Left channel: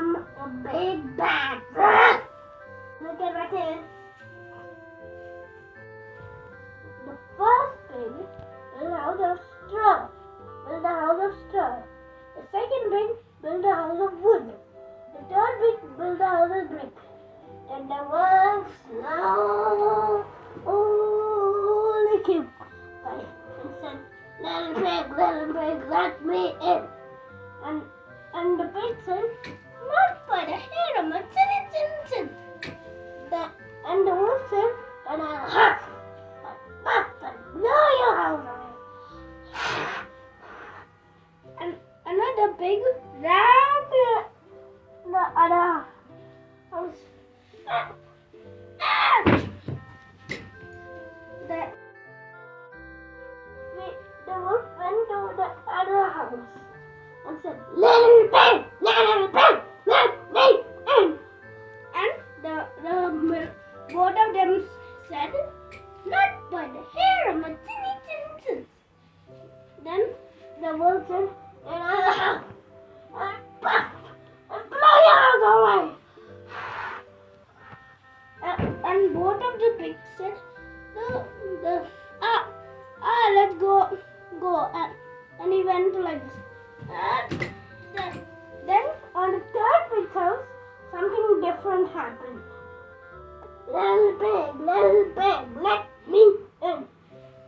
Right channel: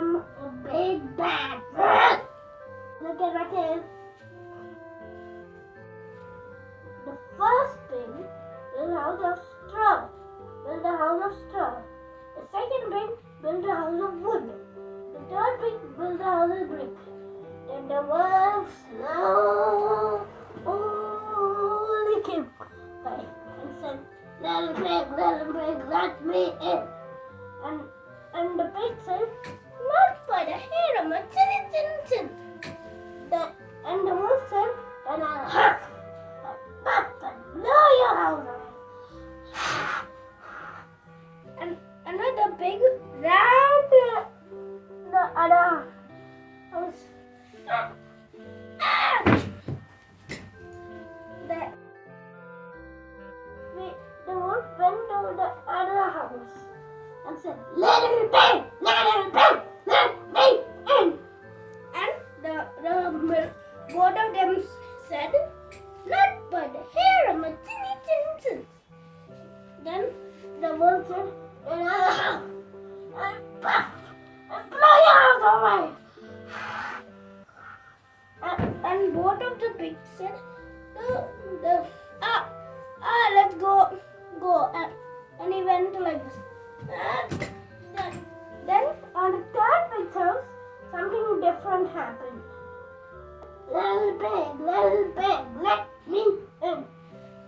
I'm a big bad. Look at my tail. The first pig built a house of straw. The second pig built a house of wood. The third pig built a house of brick. And the world slowly came by and said, little pig, let me in. And the pig said, not by the hair of my chin. And the wolf said, and I'll huff and blow your house away. And another pig ran to the other house. The wolf went to the other house and said, little pig, let me in. And the both of them said, not by the hair of my chin. Then the wolf said, and I'll puff and blow your house away. And both of the pigs said, let's go. And he went like this. Then on the third pig's house, something different happened. Little pig, let me in.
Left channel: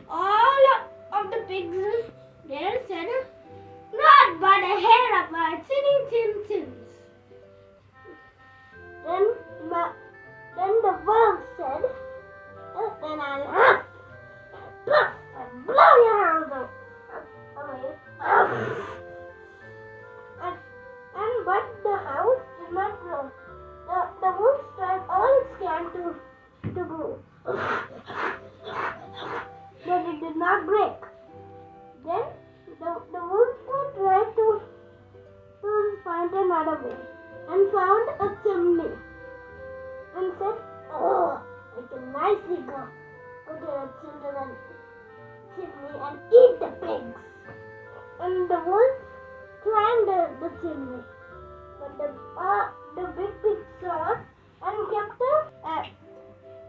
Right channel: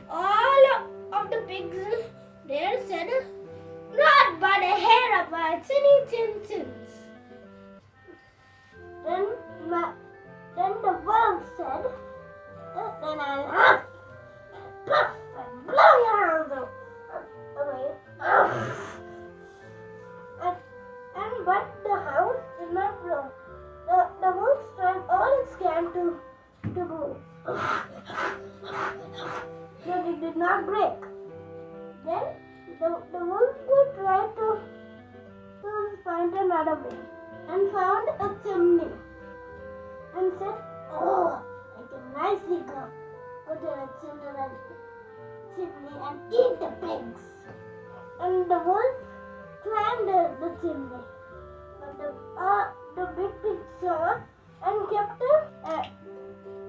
All of the pigs there said, not by the hair of my chin. Then the wolf said, and I'll huff, puff, and blow your house away. But the house did not blow. The wolf tried all it can to move. But it did not break. Then the wolf tried to find another way and found a chimney. And said, I can nicely go to the chimney and eat the pigs. And the wolf climbed the chimney. But the big pig saw and kept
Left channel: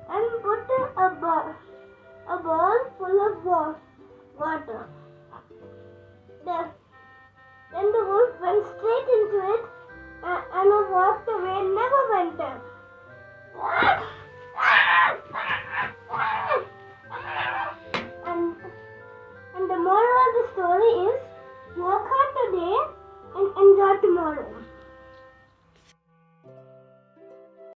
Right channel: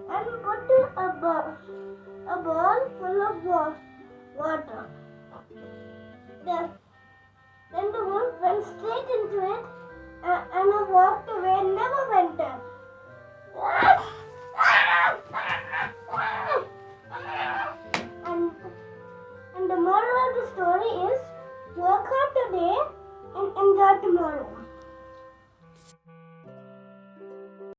and put a ball full of water. Then the wolf went straight into it and walked away and never went out. And the moral of the story is, work hard today and enjoy tomorrow.